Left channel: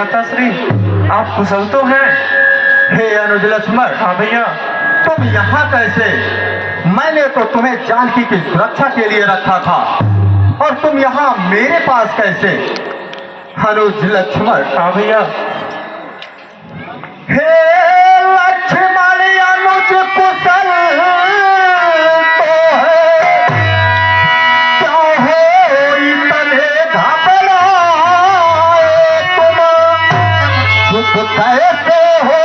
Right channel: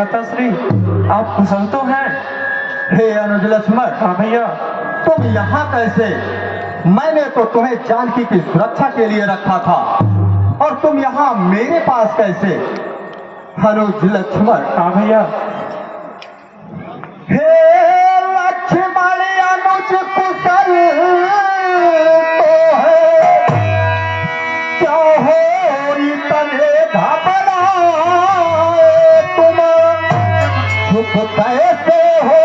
भ्राताश्री, आप कुशल तो हैं? हे अनुज लक्ष्मण। हाँ भैया। तुम यहाँ कैसे? मैंने तो तुम्हें जानकी की सुरक्षा के लिए रखा था और तुम यहाँ मेरे पास कैसे? अनुज लक्ष्मण। हाँ भैया। हे लक्ष्मण अनुज कुशल तो है, क्या हो इतने घबराए तुम? चुप कैसे हो?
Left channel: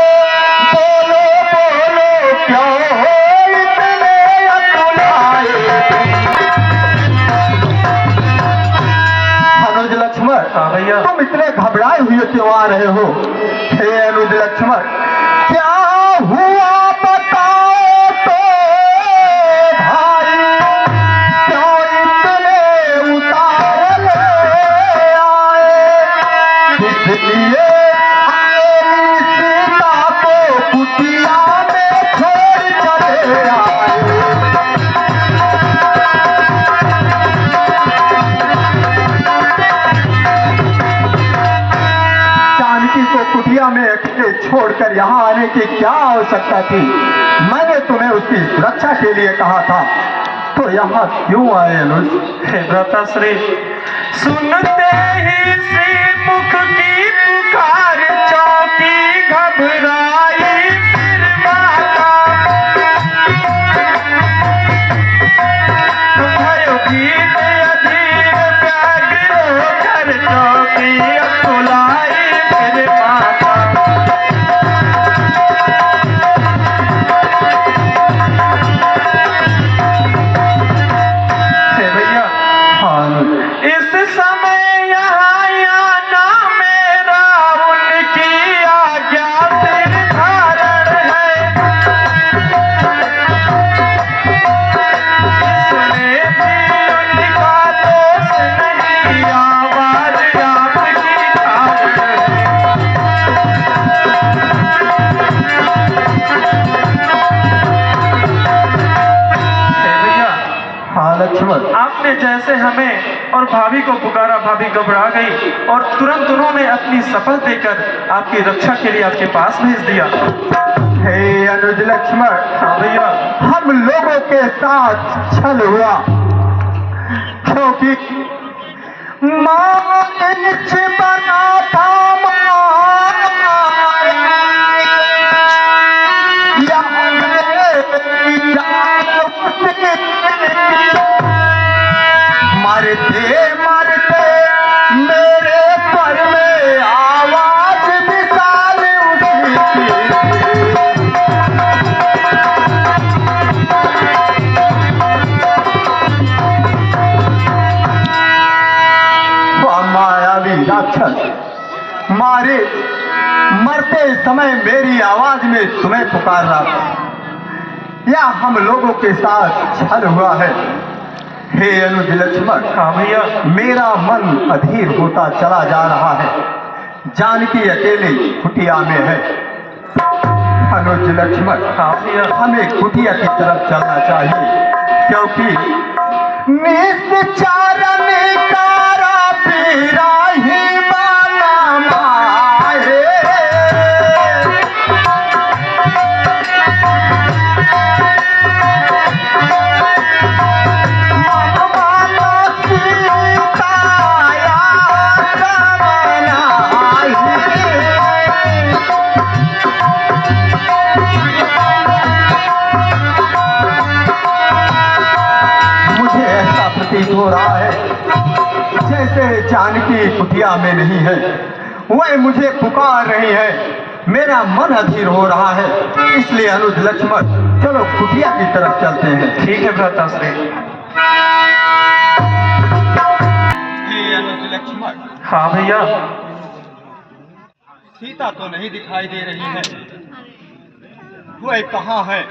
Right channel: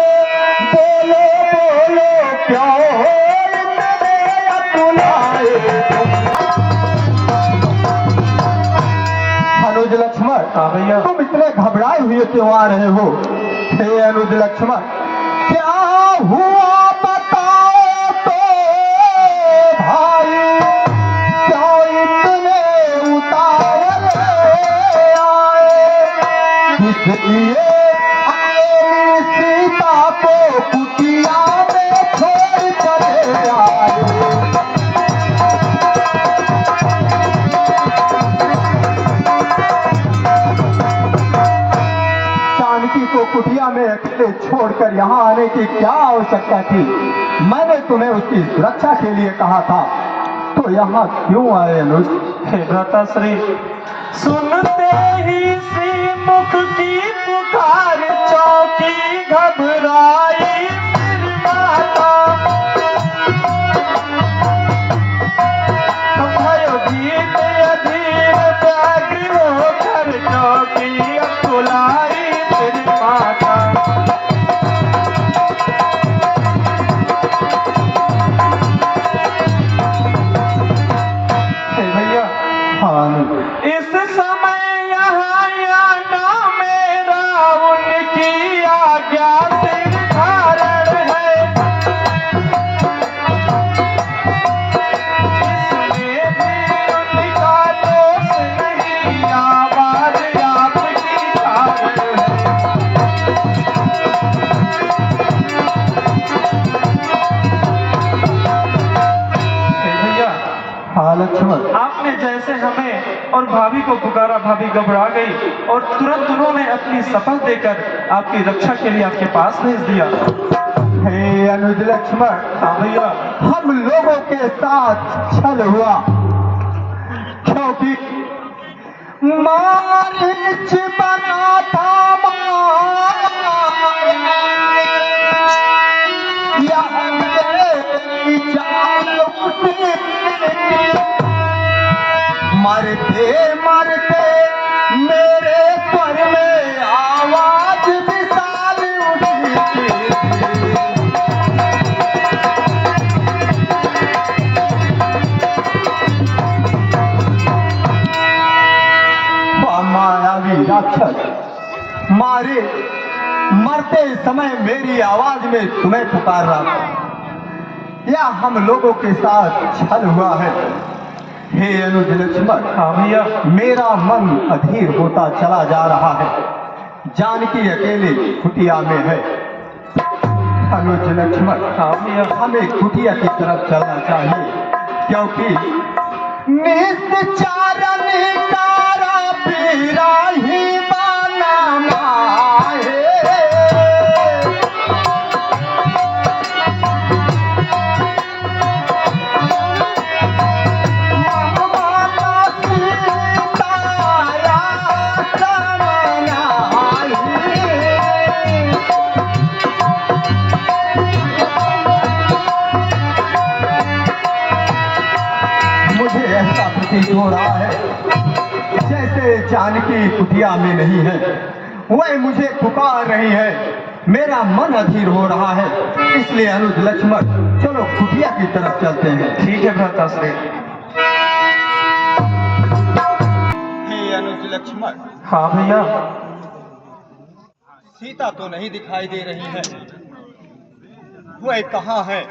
बोलो बोलो, क्या हो इतने अतुलाए तुम? अनुज लक्ष्मण। हाँ भैया। तुम इतने घबराए हुए क्यों आ रहे हो? हे अनुज लक्ष्मण, क्या हुआ बताओ तो भाई, क्यों इतने उतार आए? इसलिए अपनी सीता को कुटिया में छोड़ चले आए। जानकी को कुटिया में अकेले छोड़कर यहाँ आने की क्या आवश्यकता थी? मैंने तुम्हें उसकी सुरक्षा के लिए कहा था, तो यहाँ क्यों आए अनुज? हे भ्राताश्री, सुनते ही श्रीमुख की पुकार चौकी घबराई फिर माता। भयभीत अधीर व्याग्र होकर चौकी अकुलाई फिर माता। हे भैया। हाँ अनुज। इस समय यहाँ आना मेरा उनकी आज्ञा से धारण है। इसमें भी उनका दोष नहीं, आवाज आपकी कारण है। हे भैया, हाँ लक्ष्मण। आपने जैसे हमें और भाभी को पुकारा, भाभी घबरा गई और तुरंत उन्होंने अपनी शपथ देकर आपकी रक्षा के लिए आपके पास भेज दिया। हे अनुज लक्ष्मण। हाँ भैया। हम लोगों के साथ छल हुआ, क्योंकि मानिच बना था मरते मरते मेरे पर में आवाज विशाल उठी। मायावी राक्षस, मारे मरते समय मेरी आवाज में तुम्हें पुकार रहा था, या हम लोगों के साथ छल हुआ है? हे अनुज लक्ष्मण। हाँ भैया। मेरा मन अधीर होता चला जा रहा है। जानकी अकेले कुटिया में है। अनुज लक्ष्मण। हाँ भैया। हमें कुटिया की तरफ चलना चाहिए, क्योंकि निश्चारण तारा पीरा ही माना माहे। मुझे ऐसा प्रतीत हो रहा है जैसे जानकी कुटिया में नहीं है, वह मुझे पुकार रही है। मेरा मन अधीर हो रहा है, इसलिए अनुज लक्ष्मण चलो कुटिया की तरफ चलते हैं। ठीक है भ्राताश्री। हे अनुज लक्ष्मण। हाँ भैया। सीता तो नहीं दिखाई दे रही है, वह कहाँ है?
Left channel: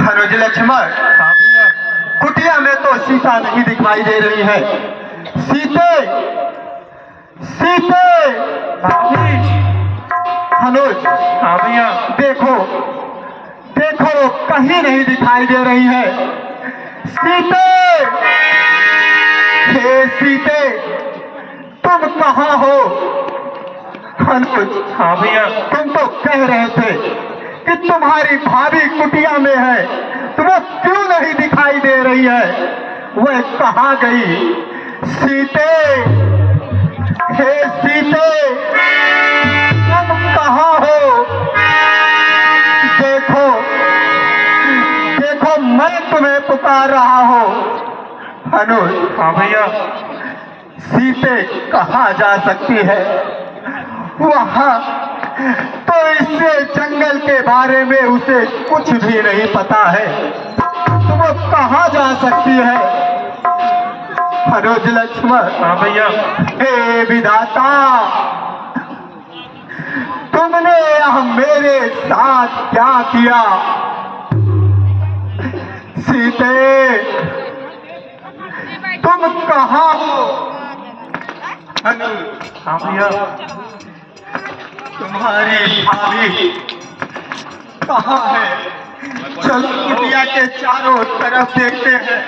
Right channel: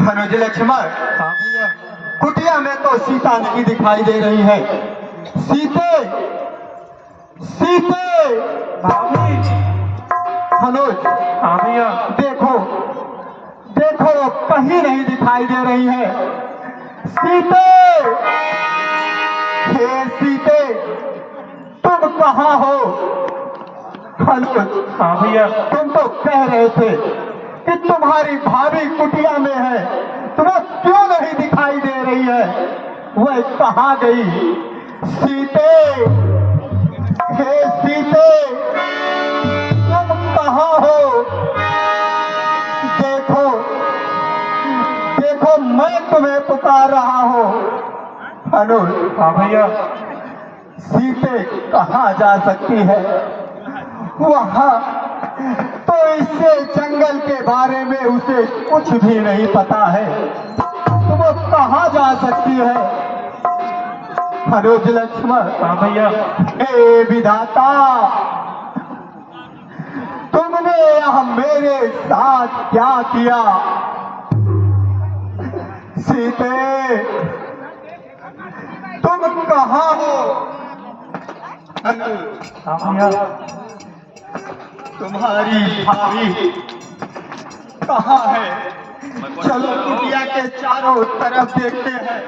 अनुज लक्ष्मण। हाँ भैया। कुटिया में तो सीता नहीं दिखाई दे रही है। सीते, सीते। भाभी। अनुज। हाँ भैया। देखो, देखो कहीं नहीं दिखाई दे रही है। सीते, हे सीते, कहाँ हो? अनुज, हाँ भैया। तुम तो कह रहे थे कि तुम्हारी भाभी कुटिया में है, तुम्हें क्यों नहीं दिखाई दे रही है? वह कहाँ गई? सीते, हे सीते, तुम कहाँ हो? देखो, देखो मैं तुम्हें पुकार रहा हूँ। अनुज, हाँ भैया। सीते कहाँ जा सकती है? वहाँ तो इससे जंगल के बारे में उसे कुछ भी नहीं पता है। तुम कहाँ जा सकती है? मनोज लक्ष्मण, हाँ भैया। हे विधाता, तुमने यह मेरे साथ क्या किया? सीते, तुम कहाँ हो? अनुज, हाँ भैया। तुम्हारी भाभी कहाँ है? चलो कुटिया के चारों तरफ देखते हैं,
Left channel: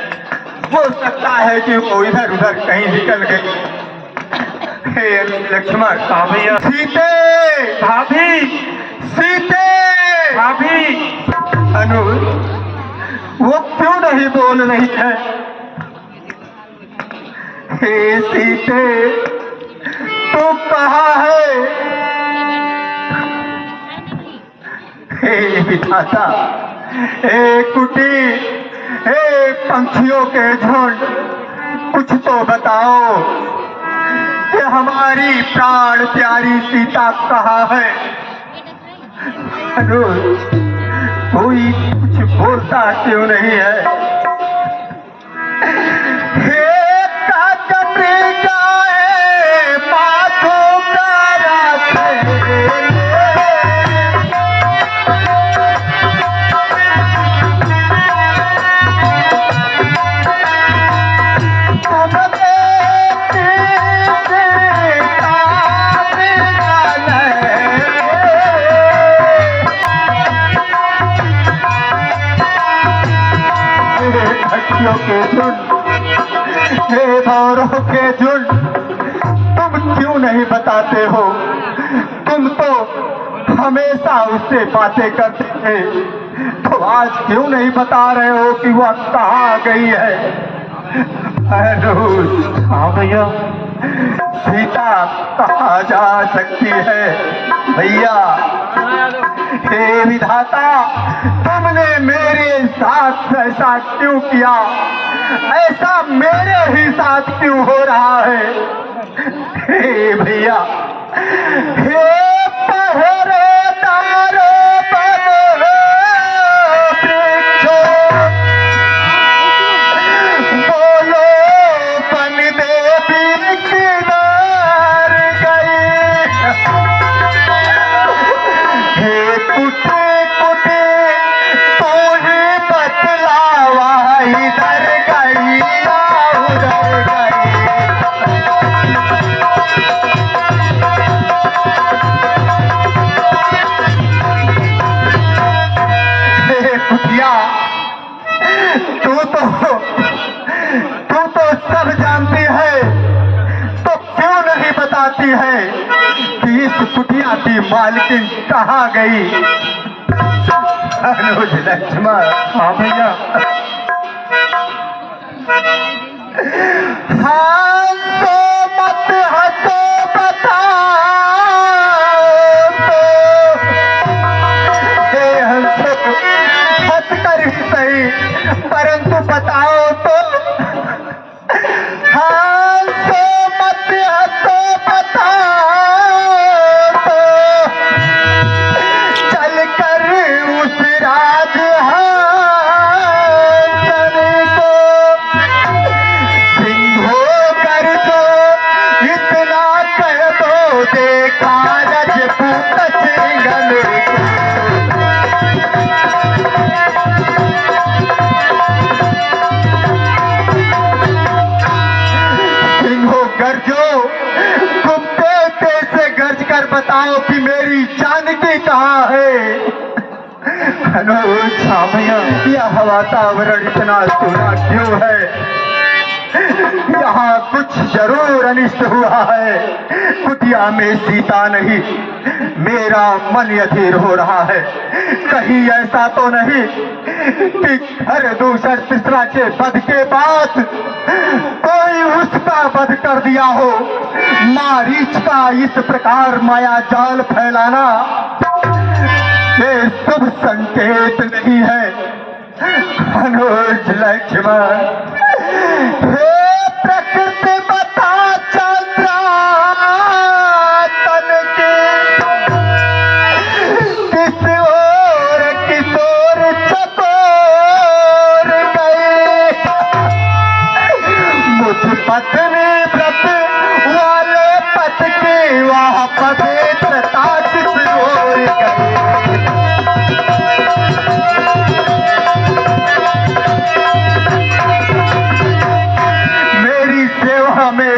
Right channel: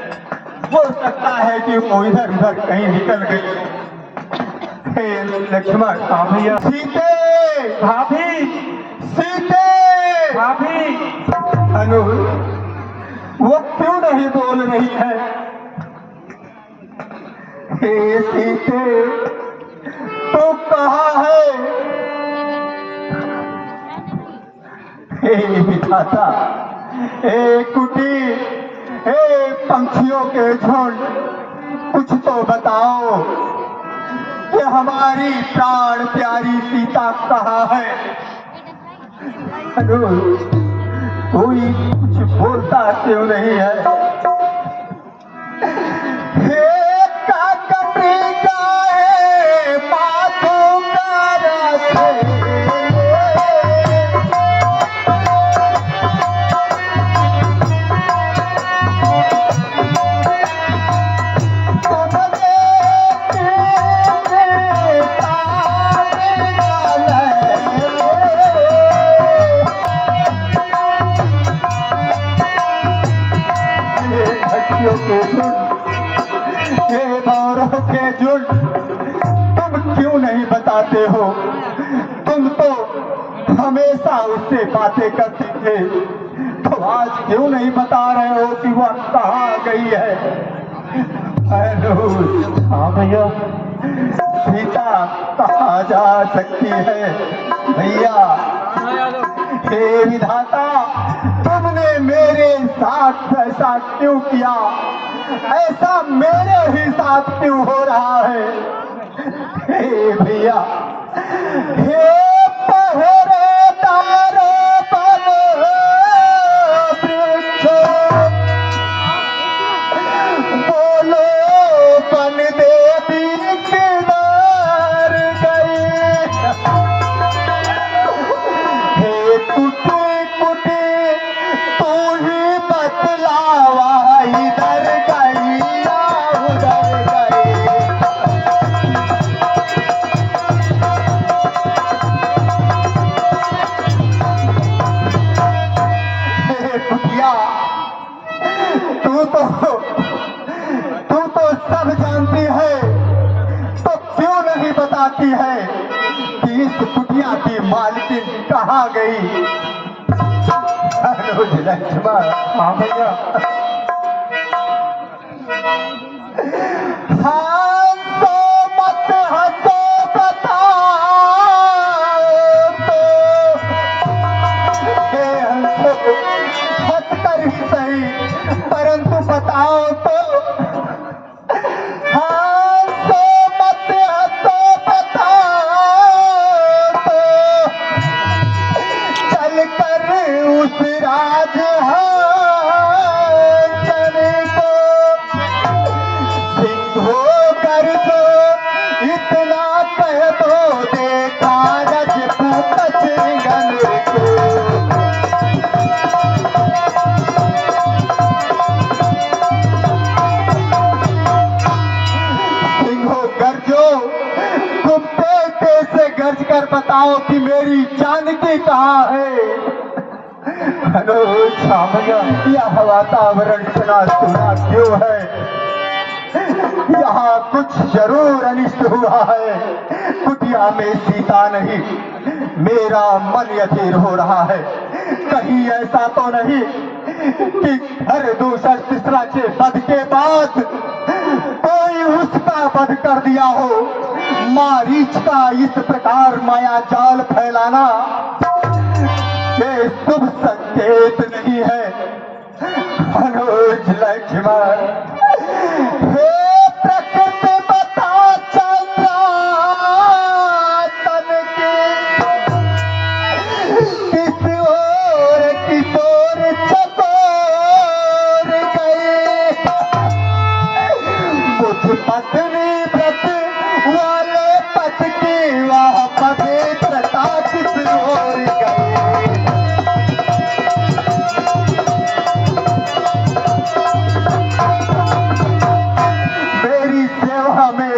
हो सकता है कि वो इधर उधर कहीं निकल गई। हे लक्ष्मण, हाँ भैया। सीते, भाभी, सीते, भाभी। अनुज, वो क्यों नहीं बोल रही है? हे सीते, तू कहाँ है? हे विधाता, हे कुटी, हे पंछियों के झुंड, कुछ तो बताओ कि हमारी प्राण प्यारी सीता कहाँ है? अनुज, कोई कुछ बोलता क्यों नहीं है? हे काकती गाए माथों का रास्ते, के झुंड, हे भौरों के झुंड, तुम क्यों नहीं बताते हो? तुम तो हमेशा उससे बातें करते थे, तो आज क्यों नहीं बता रहे हो कि वह कहाँ गई है? अनुज, हाँ भैया। सीता कहाँ जा सकती है? भैया, हे विधाता, तुमने मेरे साथ ऐसा क्यों किया? ऐसा मेरे ही साथ क्यों हो रहा है? हे भैया, हे पहरेदारों बनो पीछे, बोलो बन देवी किधर गई? हे कुटी कुटी, तू ही बतलावा, इधर गई या उधर गई? हे कुटिया, तू तो सब जानती है, तो क्यों नहीं बताती है कि इस कुटिया की मालकिन कहाँ गई? अनुज लक्ष्मण, हाँ भैया। हंसो मत हंसो बताओ तो, हे हंसो, हंस कर ही सही, परंतु बताओ तो। हंसो मत हंसो बताओ तो, चल कर उस राज को सिंहो कर जो इतना कह दो, देखा रजपूत सिंघन को। सिंहो गर्जो, कुत्ते कैसे गर्ज कर बताओ कि मेरी जानकी कहाँ है? अनुज, हाँ भैया। यह वातावरण इतना सुना क्यों है? यहाँ कुछ जरूर अनिष्ट हुआ है। कुटिया में सीता नहीं, मेरा मन अधीर हो रहा है। कहीं ऐसा तो नहीं कि हर दूसर तीसरा के वध के बाद कोई उसका वध कर दिया हो। मारीच का इस प्रकार माया जाल फैलाना ये शुभ संकेत नहीं है। अनुज लक्ष्मण, हे प्रकृति बता चंद्रा तन के किस ओर किशोर चकोर गए। मुझ पत्नी व्रत वाले पथ की वह पवित्रता किस ओर गई।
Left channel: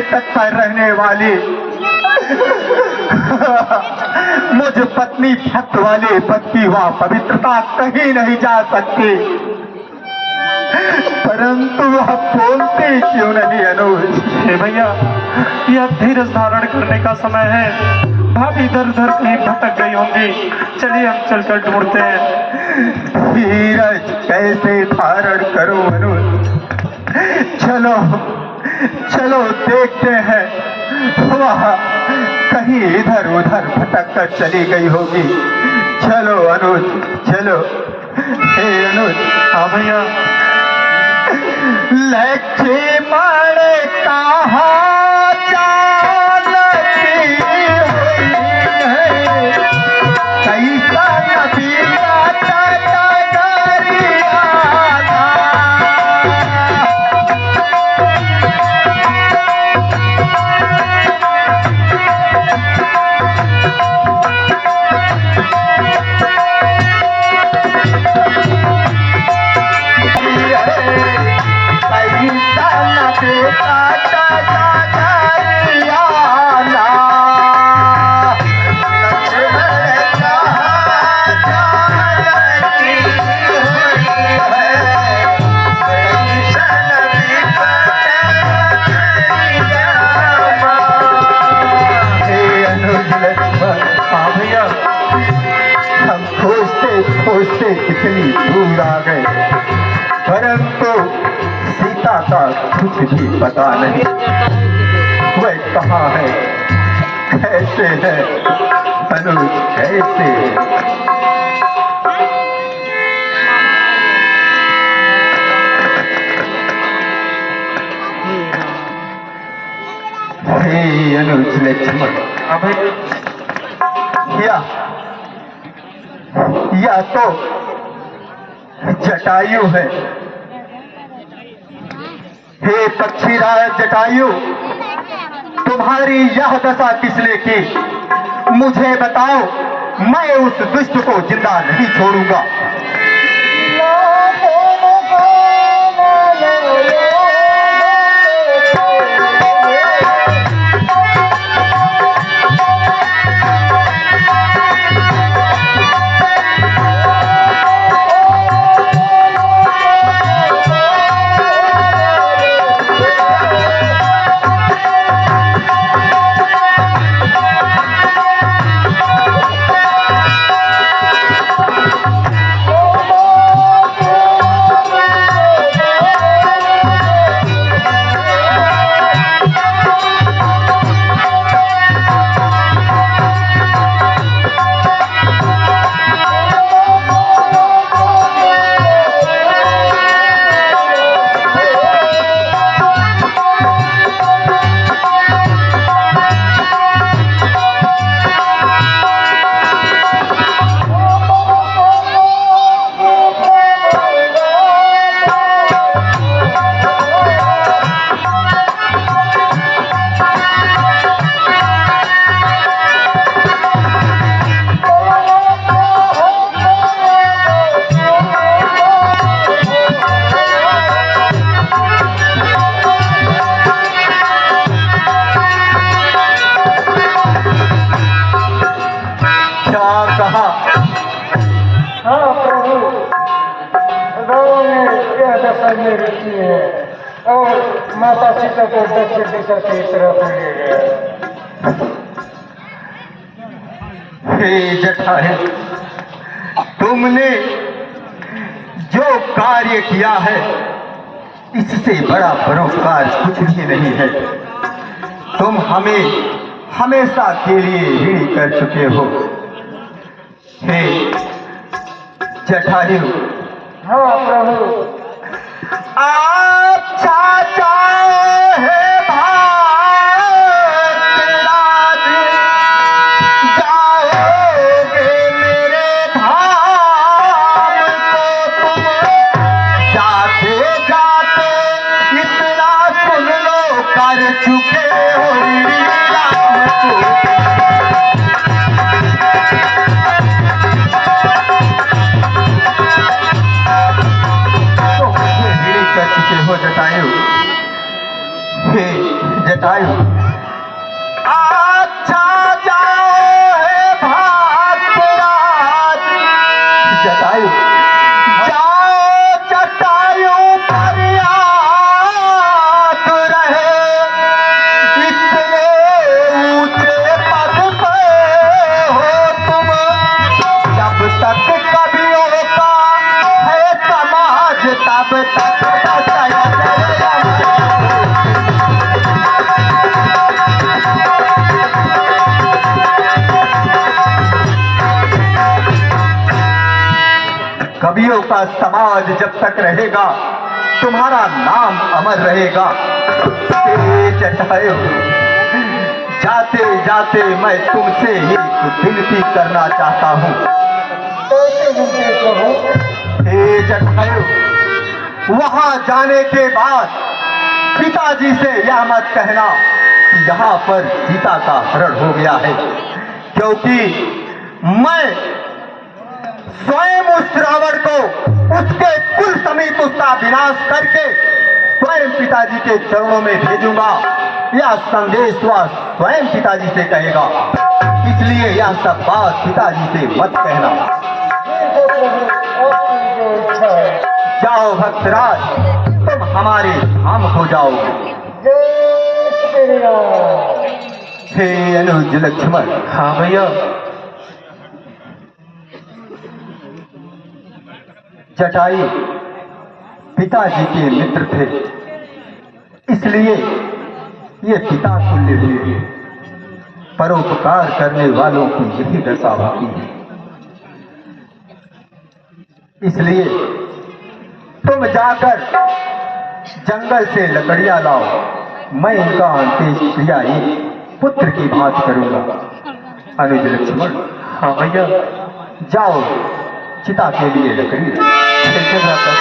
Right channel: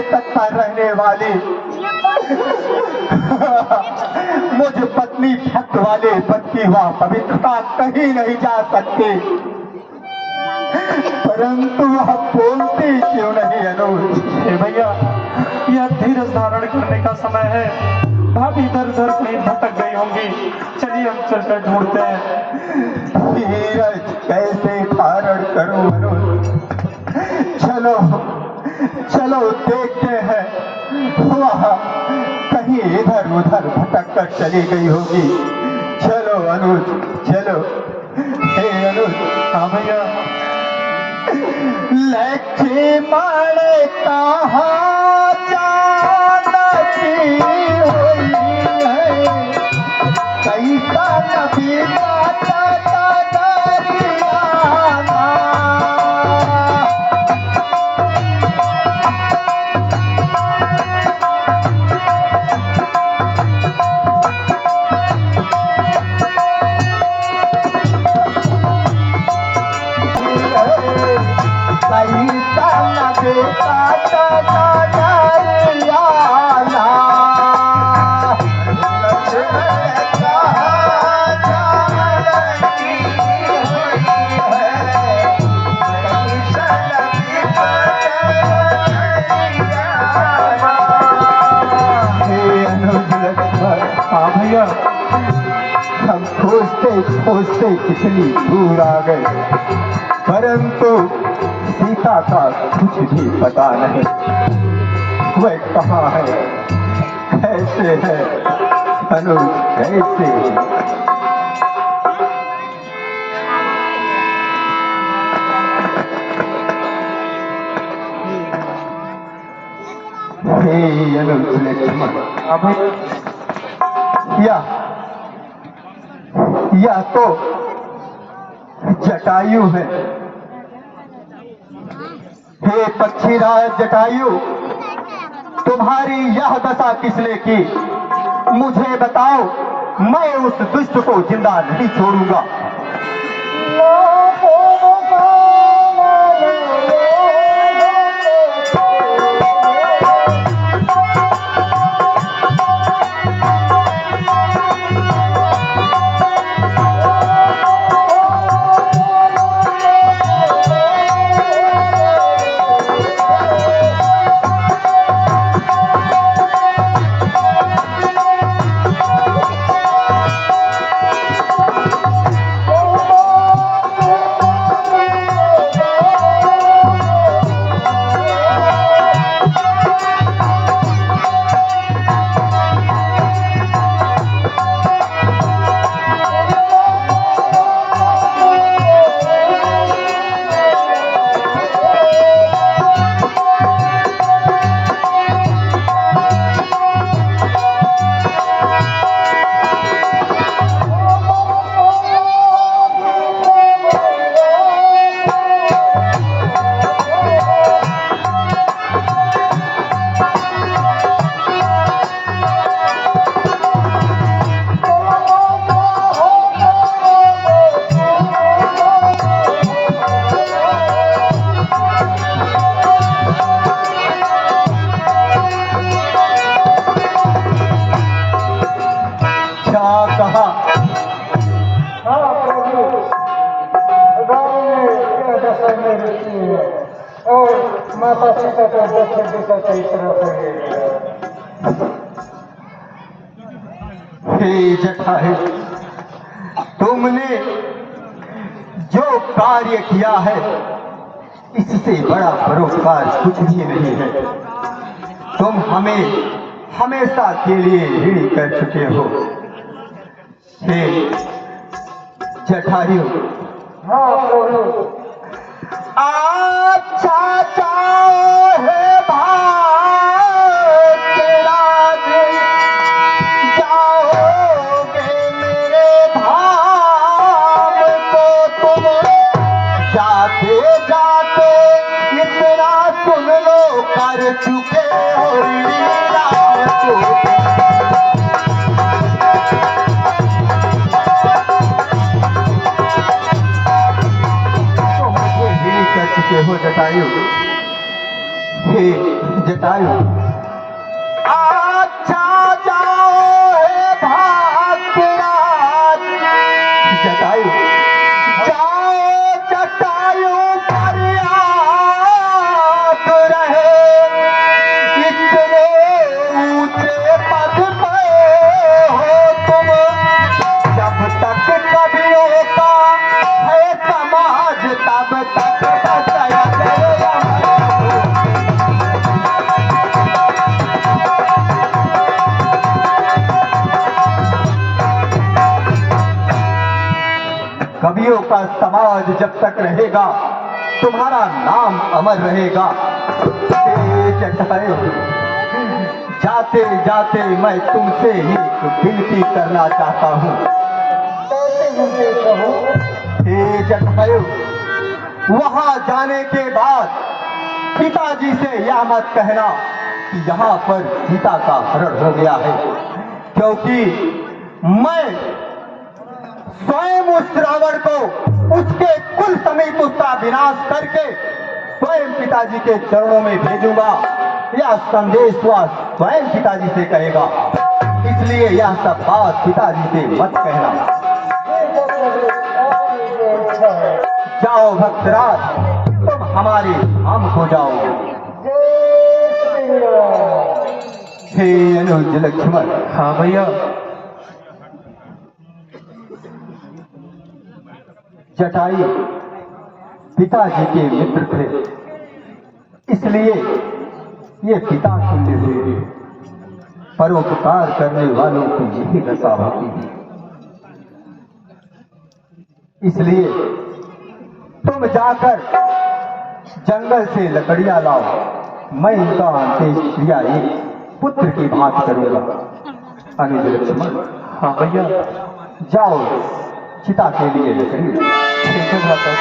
तत्पर रहने वाली मुझ पत्नी भक्त वाले पद की वह पवित्रता कहीं नहीं जा सकती। परंतु वह बोलती क्यों नहीं अनुज? हे भैया, यह धीरज धारण करने का समय है। भाभी इधर उधर कहीं भटक गई होंगी, चलिए हम चलकर ढूंढते हैं। धीरज कैसे धारण करूं अनुज? चलो चलो देखते हैं, वह कहीं इधर उधर भटक कर चली गई होगी। चलो अनुज चलो। हे अनुज। हाँ भैया। लक्ष्मण कहाँ जानती हुई है, कैसा नबी हम खोजते कितनी दूर आ गए, परंतु सीता का कुछ भी पता नहीं। वह कहाँ है, कैसे है अनुज, कैसे है? हे अनुज लक्ष्मण, या तो जटायु है। हे पक्षीराज जटायु, तुम्हारी यह दशा किसने की? मुझे बताओ, मैं उस दुष्ट को जिंदा नहीं छोड़ूंगा। और माता सीता को दक्षिण दिशा की तरफ ले गया। हे जटायु, तुमने जो कार्य किया है इससे बड़ा परोपकार कुछ भी नहीं है। तुम हमें हमेशा के लिए ऋणी कर चुके हो। हे जटायु, हाँ प्रभु। अच्छा चाहे भाग्यराज, जाओगे मेरे धाम को तुम। जाते जाते इतना सुन लो, कर चुके हो ऋणी राम को। कर चुके हो जटायु। हे जटायु, अच्छा जाओ हे भाग्यराज। जटायु, जाओ जटायु पर याद रहे, इतने ऊंचे पद पे हो तुम। जब तक कवियों का है समाज, तब तक कवियों का समाज जब तक रहेगा, तुम्हारा नाम अमर रहेगा। हे जटायु, जाते जाते मैं तुमसे ही विनती करना चाहता हूँ। हे जटायु, वहां जाने के बाद पिताजी से यह मत कहना कि यहाँ पर सीता का हरण हो गया है, क्योंकि मैं स्वयं उस रावण को उसके कुल समेत उसका विनाश करके स्वयं पिताजी के चरणों में भेजूंगा। यह संदेश वह स्वयं पिताजी से कहेगा, इसलिए यह सब बात पिताजी से मत कहना। जाओ भक्तराज, तुम हमारे धाम हो जाओगे। हे अनुज लक्ष्मण। हाँ भैया। जटायु पिताजी के मित्र थे, इसलिए ये पिता तुल्य हुए। परोपकार करने वालों की यही दशा होती है। इसलिए तुम जाकर जंगल से लकड़ियां लाओ, मैं उनका अंत्येष्टि क्रिया एक पुत्र की बात करूंगा। अनुज लक्ष्मण। हाँ भैया। जाओ चिता के लिए लकड़ी। ठीक है भ्राता।